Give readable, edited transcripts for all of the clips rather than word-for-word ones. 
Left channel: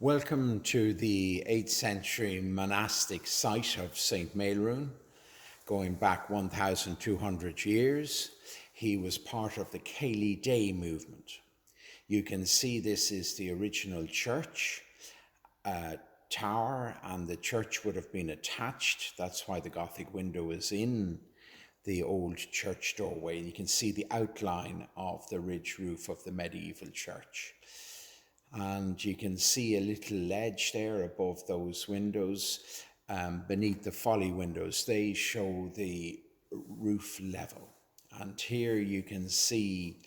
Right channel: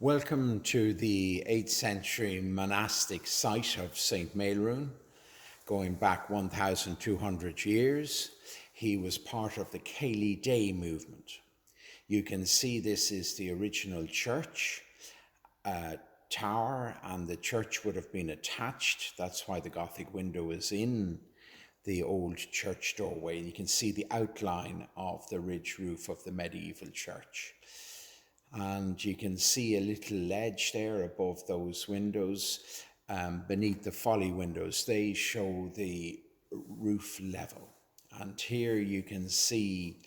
Welcome to the 8th century monastic site of St. Maelruain, going back 1,200 years. He was part of the Cayley Day movement. You can see this is the original church tower, and the church would have been attached. That's why the Gothic window is in the old church doorway. You can see the outline of the ridge roof of the medieval church. And you can see a little ledge there above those windows, beneath the folly windows. They show the roof level. And here you can see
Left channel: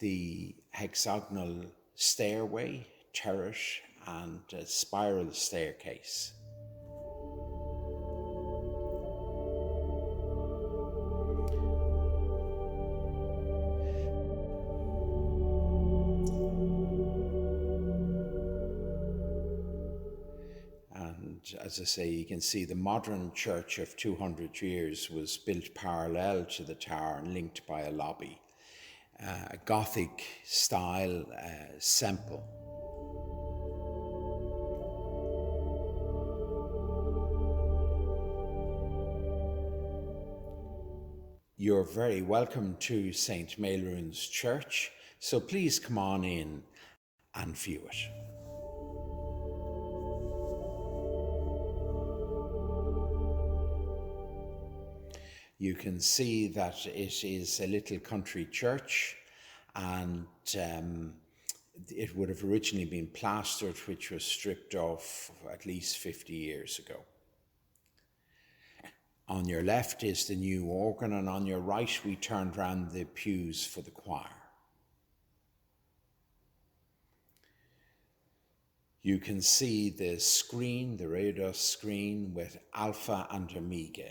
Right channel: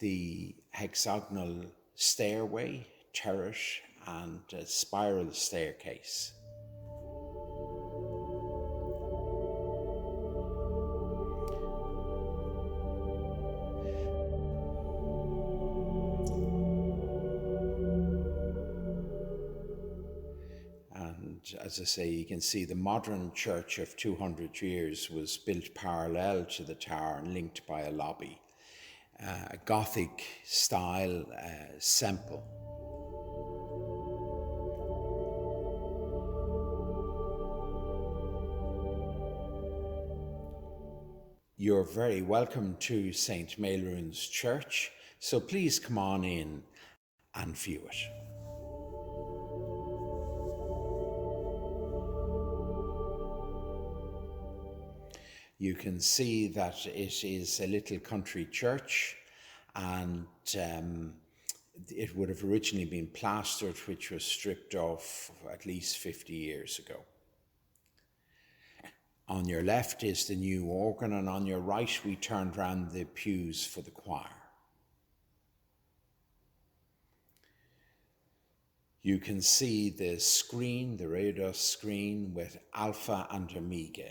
the hexagonal stairway, turret, and a spiral staircase. And as I say, you can see the modern church of 200 years was built parallel to the tower and linked by a lobby. A Gothic style semple. You're very welcome to St. Maelruain's Church, so please come on in and view it. You can see that it is a little country church, and it would have originally been plastered, which was stripped off at least 50 years ago. On your left is the new organ, and on your right we turned round the pews for the choir. You can see the screen, the Rev'd screen with Alpha and Omega.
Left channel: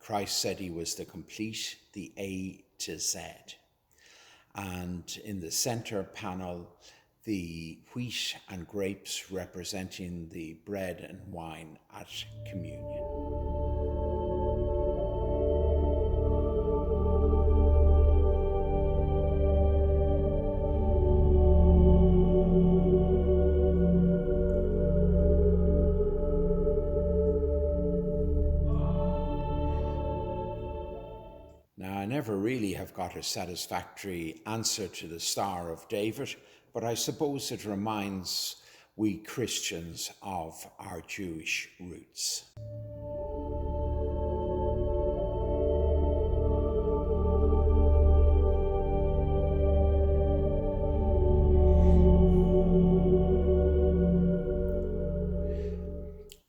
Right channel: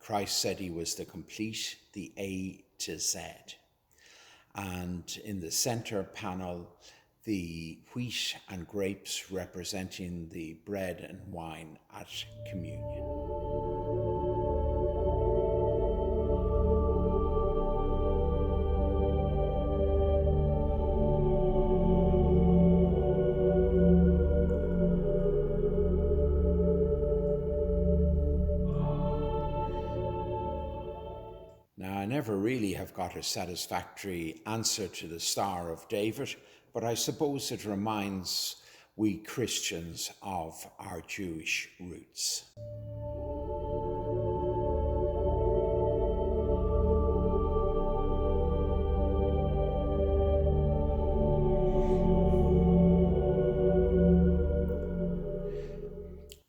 Christ said he was the complete, the A to Z. And in the center panel, the wheat and grapes representing the bread and wine at communion. Now, I never really have got a satisfactory answer to the Star of David, but I suppose it reminds we Christians of our Jewish roots.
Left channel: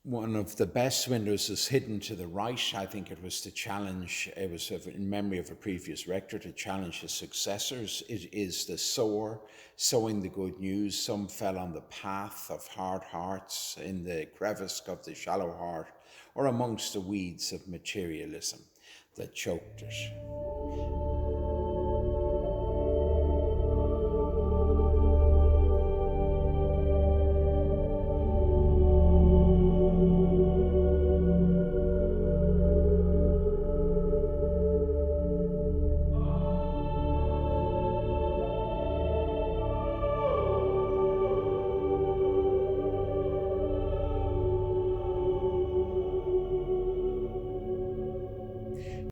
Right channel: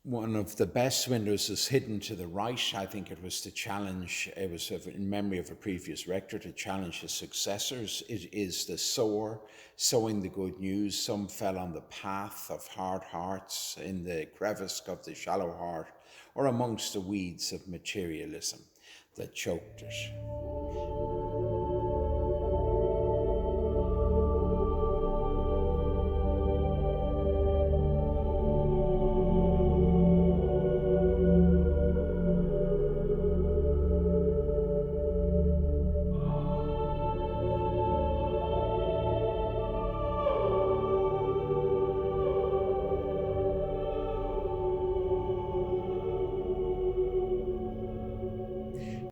One of the best windows is hidden to the right. I think it was in memory of a previous rector, to challenge his successors. It is the sower sowing the good news. Some fell on the path of hard hearts, in the crevice of the shallow heart, or amongst the weeds of materialism that choked it.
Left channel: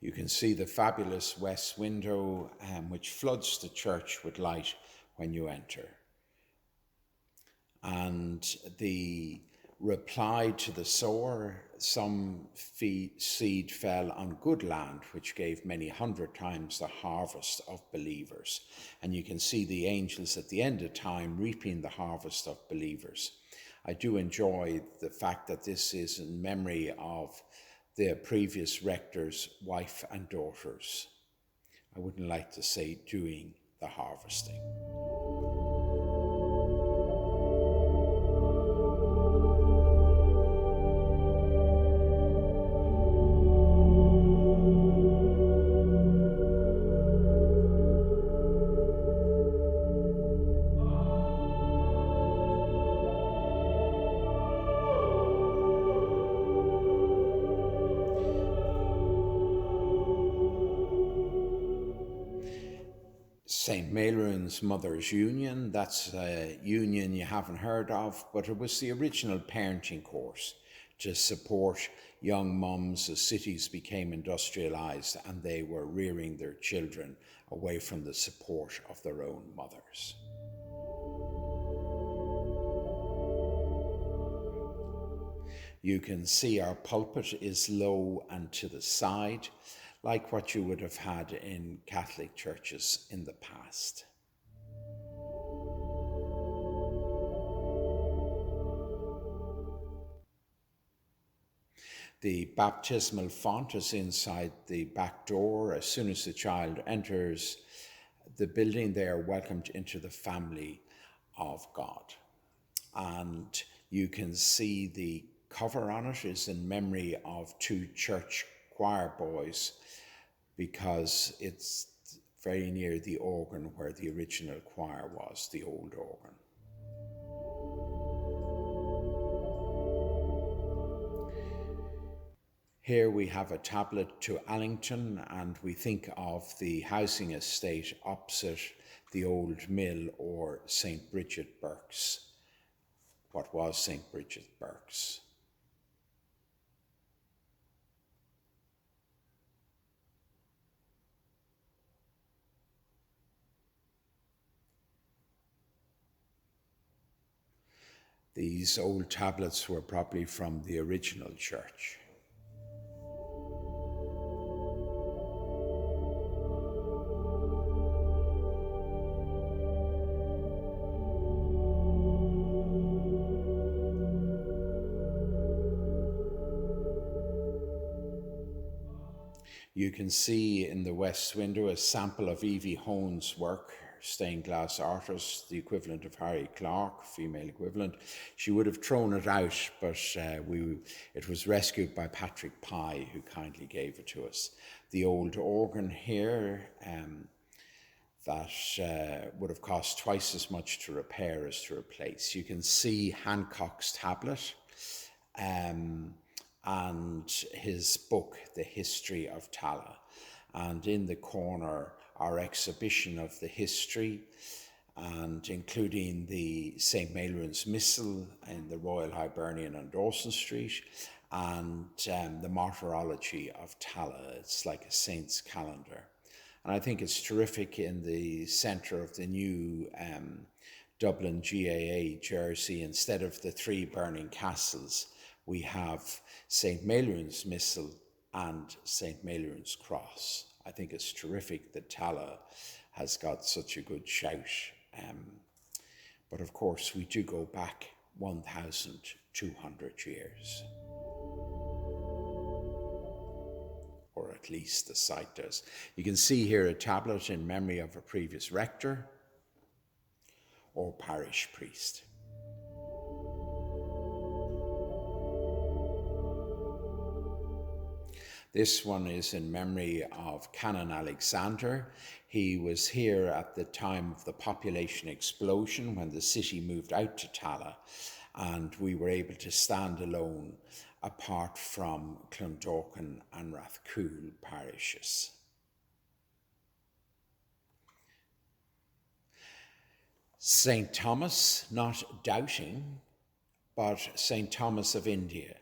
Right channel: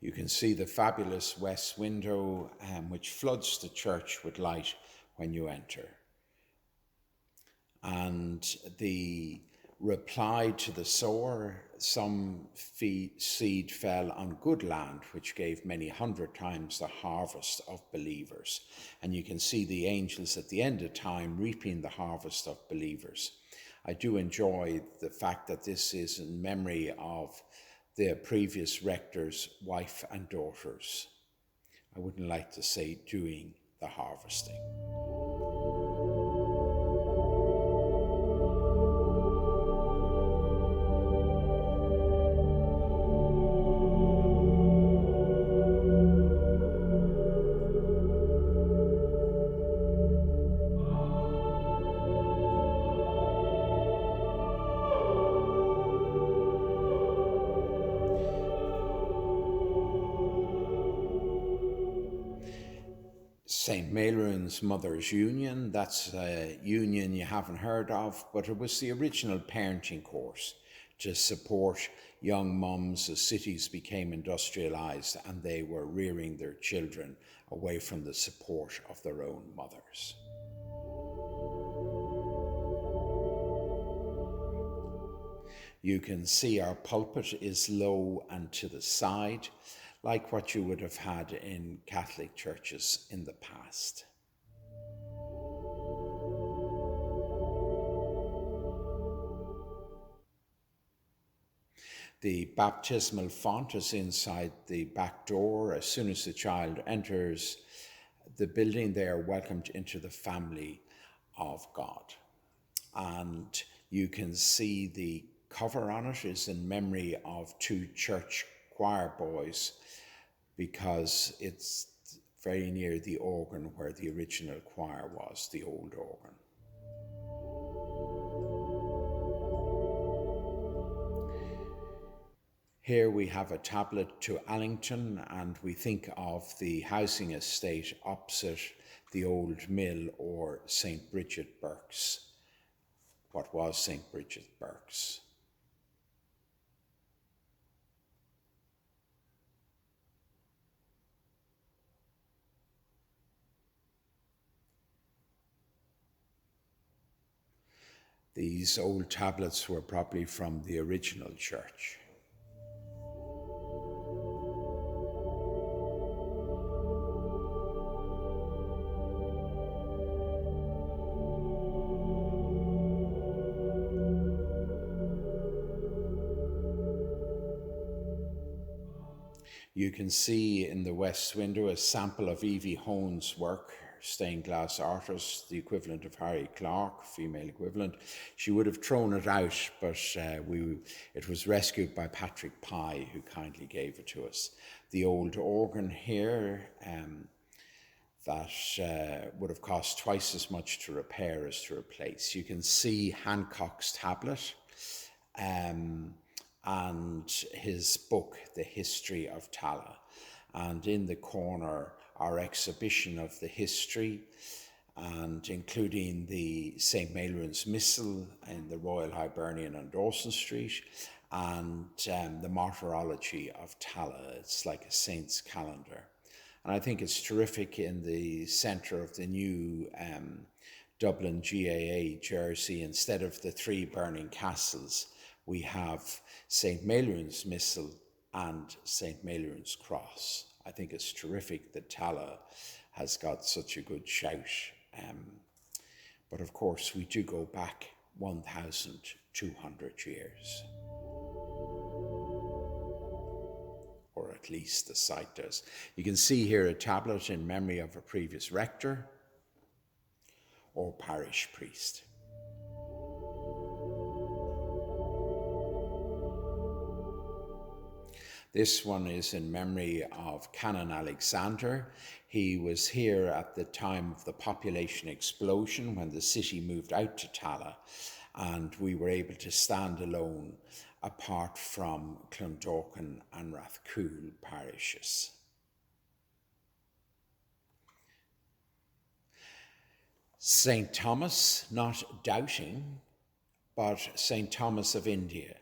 You can see the fabulous west window, which floods the church with light when you enter. And the reply to the sower: some seed fell on good land, which gave many 100 times the harvest of believers. And you can see the angels at the end of time reaping the harvest of believers. I do enjoy the fact that this is in memory of the previous rector's wife and daughters. I wouldn't like to say doing the harvesting. St. Maelruain's Mothers Union, that's a union you haven't heard of, but it was the original parenting course to support young mums as cities became industrialised and they were rearing their children away from the support of their own mothers. You can see our pulpit is low and to the side, like what you would have had in Catholic churches in the past. The baptismal font is inside the back door. As soon as the child enters the building, they are welcomed into the family of God. And you can see the cover on it is in memory of two church choir boys, because it's very near the organ where the original choir was, the old organ. Here we have a tablet to Allington, and we think of the housing estate opposite the old mill, or St. Bridget Burke's, what was St. Bridget Burke's. These old tablets were probably from the original church. You can see in the west window a sample of Evie Hone's work, stained glass artist, the equivalent of Harry Clarke, female equivalent. She would have thrown it out, but it was rescued by Patrick Pye, who kindly gave it to us. The old organ here, that would have cost twice as much to repair as to replace. You can see Hancock's tablet, and his book, The History of Tallaght. And in the corner, our exhibition of the history, and including the St. Maelruain's Missal in the Royal Hibernian on Dawson Street, and the Martyrology of Tallaght. It's like a saint's calendar. And I think it's terrific in the centre of the new Dublin GAA jersey. Instead of the three burning castles, we have St. Maelruain's Missal and St. Maelruain's Cross. I think it's terrific that Tallaght has got such a good shout. But of course, we do go back 1,200 years. Or at least the site does. You can see here a tablet in memory of a previous rector or parish priest. This one is in memory of Canon Alexander. He was here at the time of the population explosion when the city moved out to Tallaght, and we were able to stand alone apart from Clondalkin and Rathcoole parishes. St. Thomas, not doubting, but St. Thomas of India,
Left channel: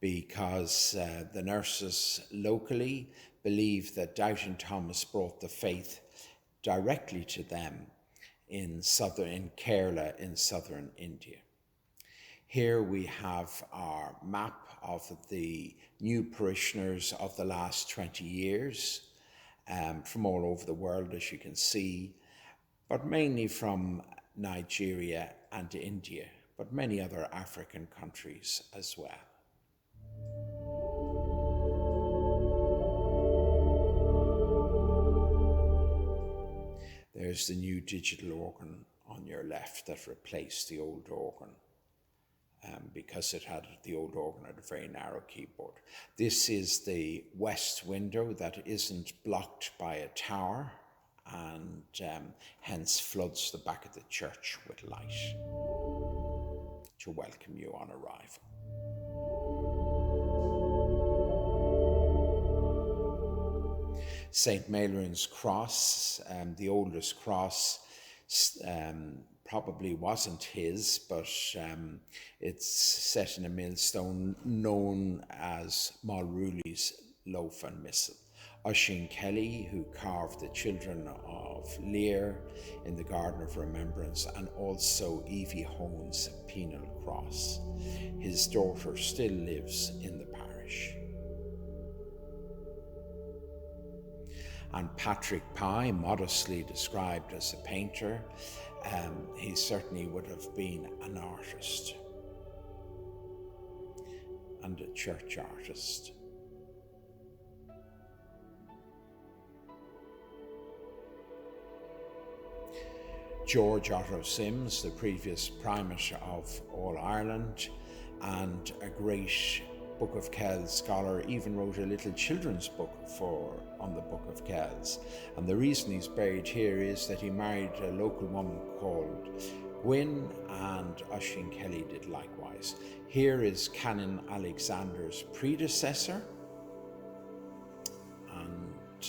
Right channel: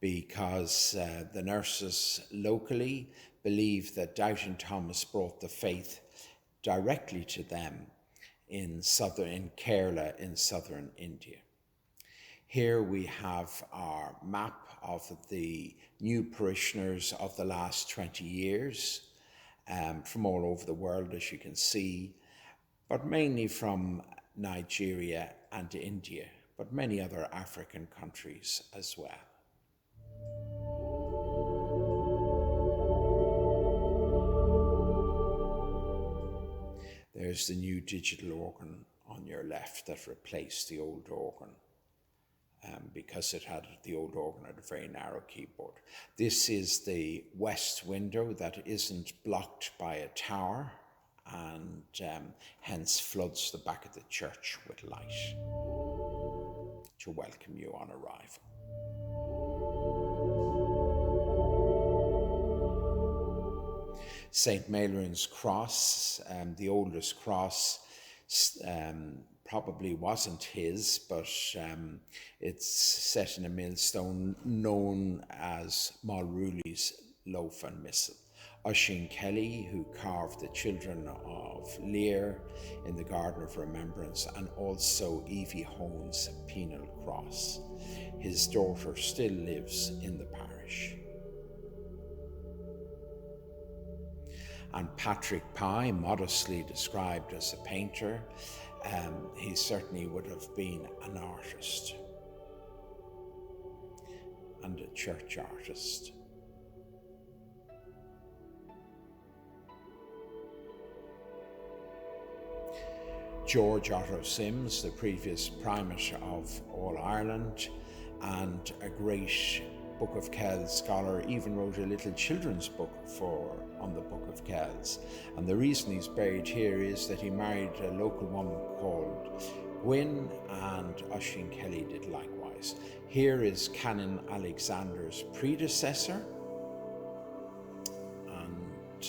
because the nurses locally believe that Doubting Thomas brought the faith directly to them in Kerala in southern India. Here we have our map of the new parishioners of the last 20 years from all over the world, as you can see, but mainly from Nigeria and India, but many other African countries as well. There's the new digital organ on your left that replaced the old organ, because the old organ had a very narrow keyboard. This is the west window that isn't blocked by a tower, and hence floods the back of the church with light to welcome you on arrival. St. Maelruain's cross, the oldest cross, probably wasn't his, but it's set in a millstone known as Maelruain's loaf and missal. Oisín Kelly, who carved the children of Lear in the Garden of Remembrance, and also Evie Hone's penal cross. His daughter still lives in the parish. And Patrick Pye, modestly described as a painter, he certainly would have been an artist and a church artist. George Otto Sims, the previous primate of all Ireland and a great Book of Kells scholar, even wrote a little children's book on the Book of Kells. And the reason he's buried here is that he married a local woman called Gwyn, and Oisín Kelly did likewise. Here is Canon Alexander's predecessor, and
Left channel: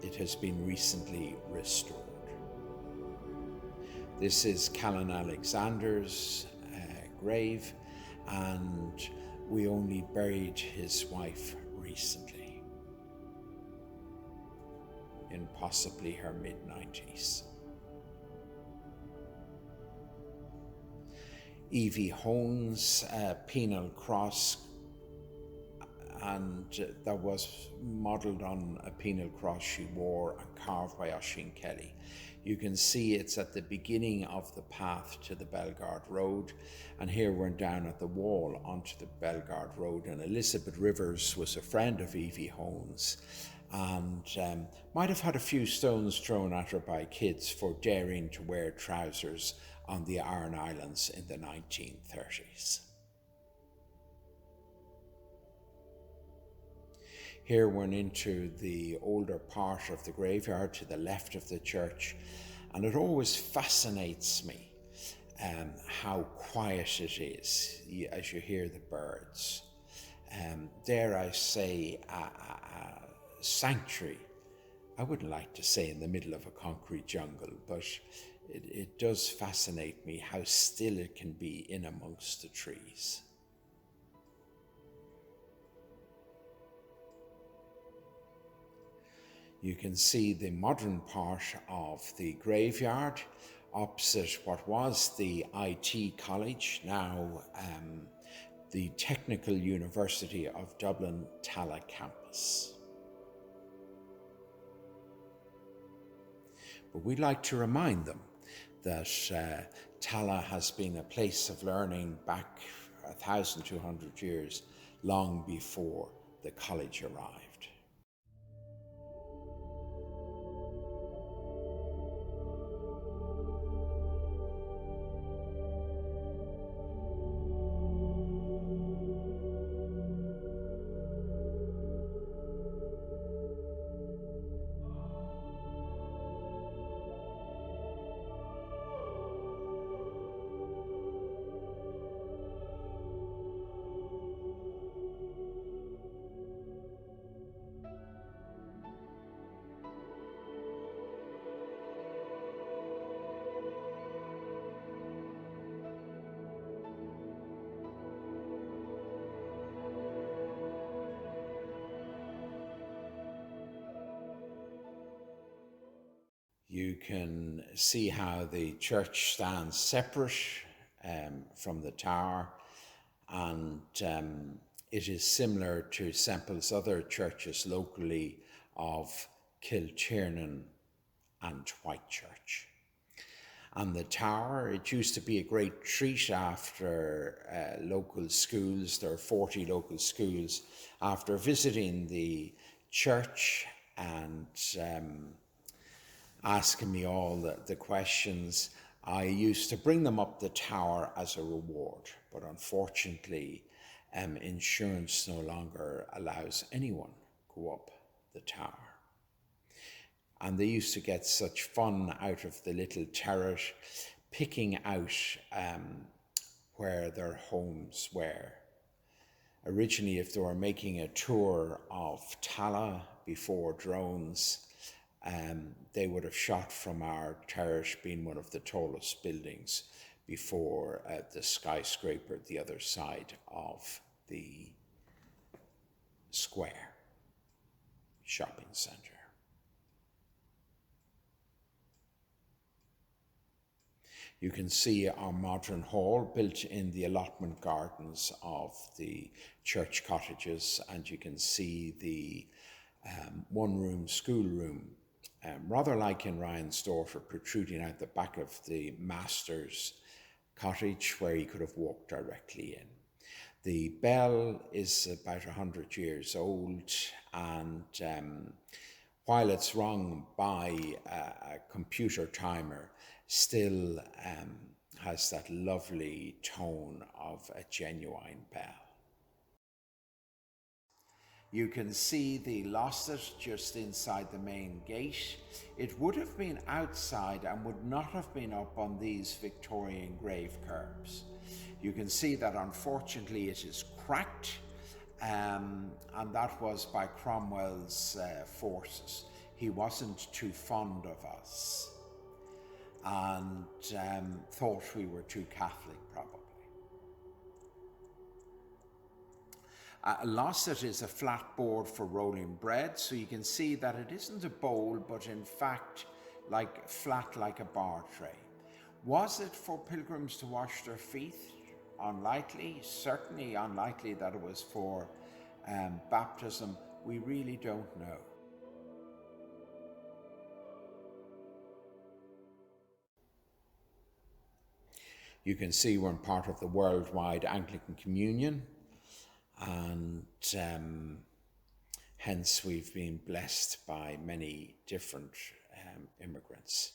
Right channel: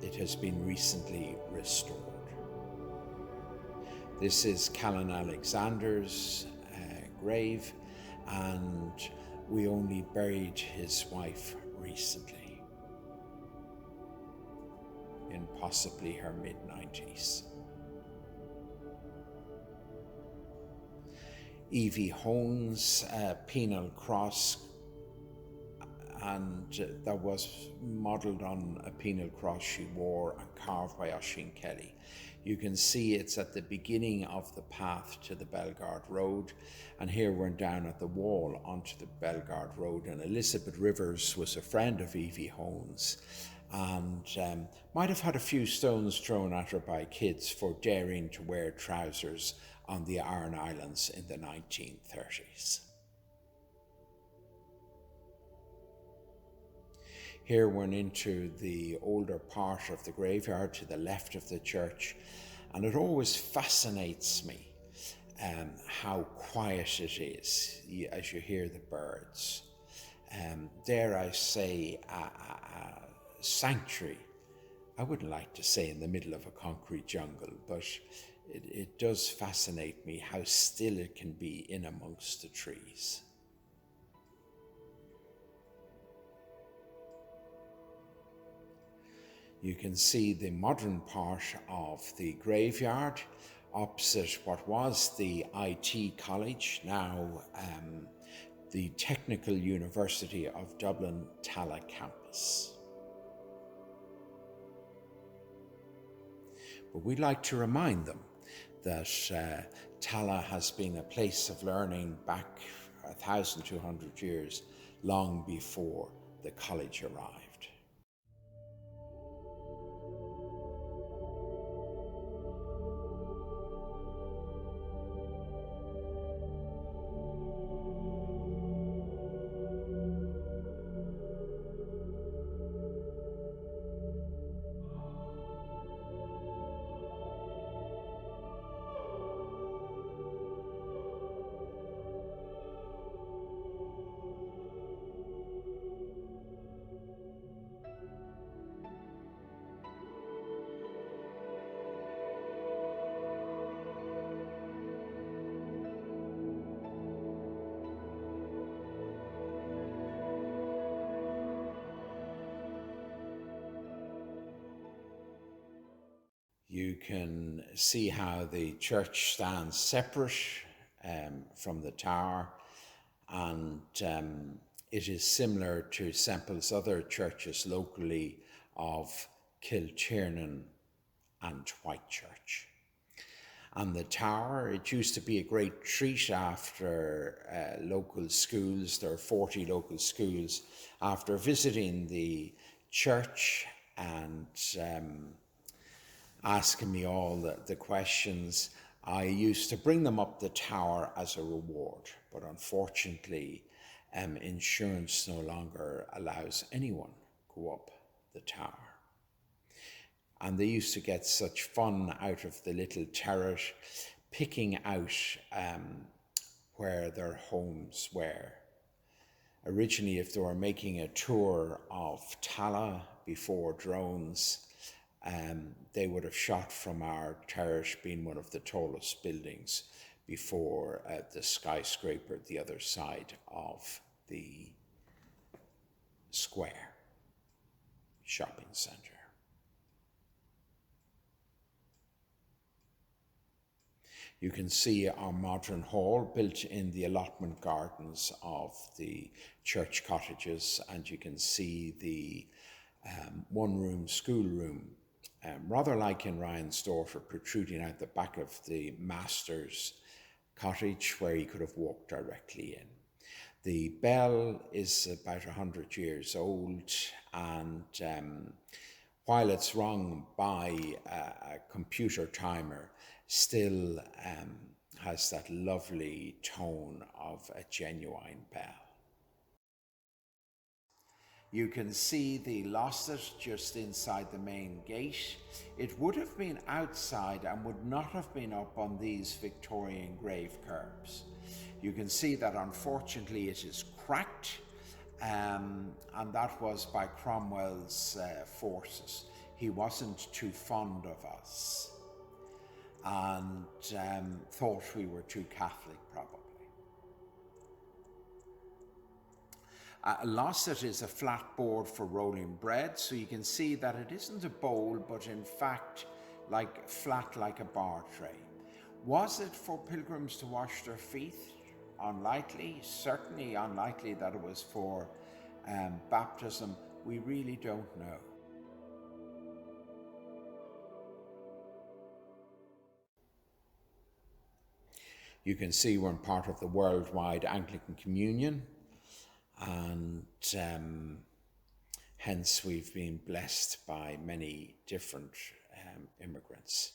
it has been recently restored. This is Canon Alexander's grave, and we only buried his wife recently, in possibly her mid-90s. Evie Hone's penal cross, and that was modelled on a penal cross she wore and carved by Oisín Kelly. You can see it's at the beginning of the path to the Belgard Road, and here we're down at the wall onto the Belgard Road, and Elizabeth Rivers was a friend of Evie Hone's, and might have had a few stones thrown at her by kids for daring to wear trousers on the Aran Islands in the 1930s. Here we're into the older part of the graveyard to the left of the church, and it always fascinates me how quiet it is as you hear the birds. Dare I say, a sanctuary. I wouldn't like to say in the middle of a concrete jungle, but it does fascinate me how still it can be in amongst the trees. You can see the modern part of the graveyard opposite what was the IT College, now the Technical University of Dublin Tallaght campus. But we'd like to remind them that Tallaght has been a place of learning back 1,200 years, long before the college arrived. You can see how the church stands separate from the tower, and it is similar to Semple's other churches locally of Kiltiernan and Whitechurch. And the tower, it used to be a great treat after local schools. There are 40 local schools. After visiting the church and asking me all the questions, I used to bring them up the tower as a reward. But unfortunately, insurance no longer allows anyone go up the tower. And they used to get such fun out of the little turret, picking out where their homes were. Originally, if they were making a tour of Tallaght before drones, they would have shot from our terrace, being one of the tallest buildings, before the skyscraper at the other side of the square shopping centre. You can see our modern hall built in the allotment gardens of the church cottages, and you can see the one-room schoolroom, rather like in Ryan's daughter, protruding out the back of the master's cottage, where he could have walked directly in. The bell is about 100 years old, and while it's rung by a computer timer, still has that lovely tone of a genuine bell. You can see the losset just inside the main gate. It would have been outside and would not have been up on these Victorian grave curbs. You can see that unfortunately it is cracked, and that was by Cromwell's forces. He wasn't too fond of us, and thought we were too Catholic, probably. A losset is a flat board for rolling bread, so you can see that it isn't a bowl, but in fact flat like a bar tray. Was it for pilgrims to wash their feet? Unlikely, certainly unlikely that it was for baptism. We really don't know. You can see we're part of the worldwide Anglican Communion, and hence we've been blessed by many different immigrants.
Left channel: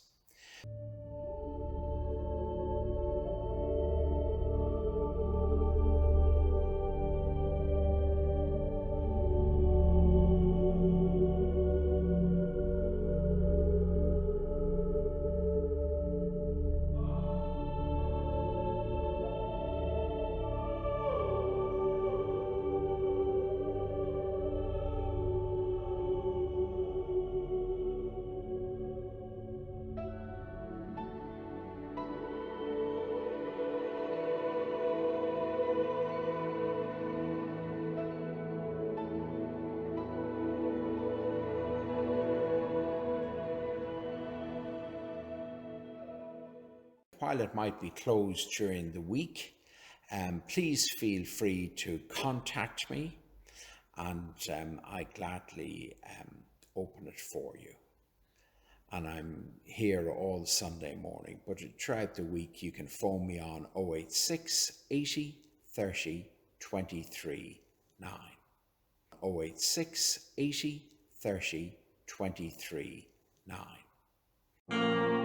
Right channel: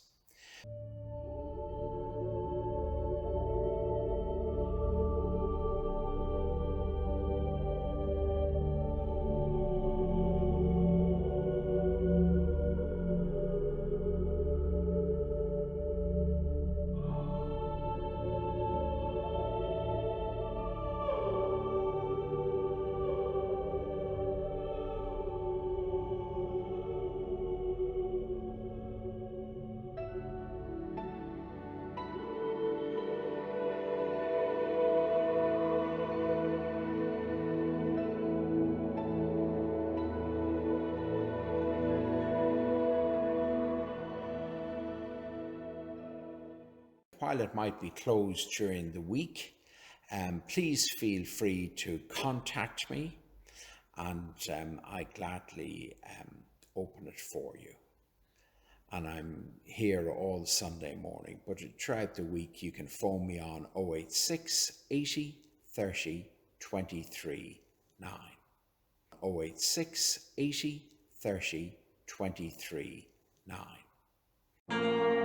While it might be closed during the week, please feel free to contact me, and I gladly open it for you. And I'm here all Sunday morning, but throughout the week you can phone me on 086 80 30 23 9. 086 80 30 23 9.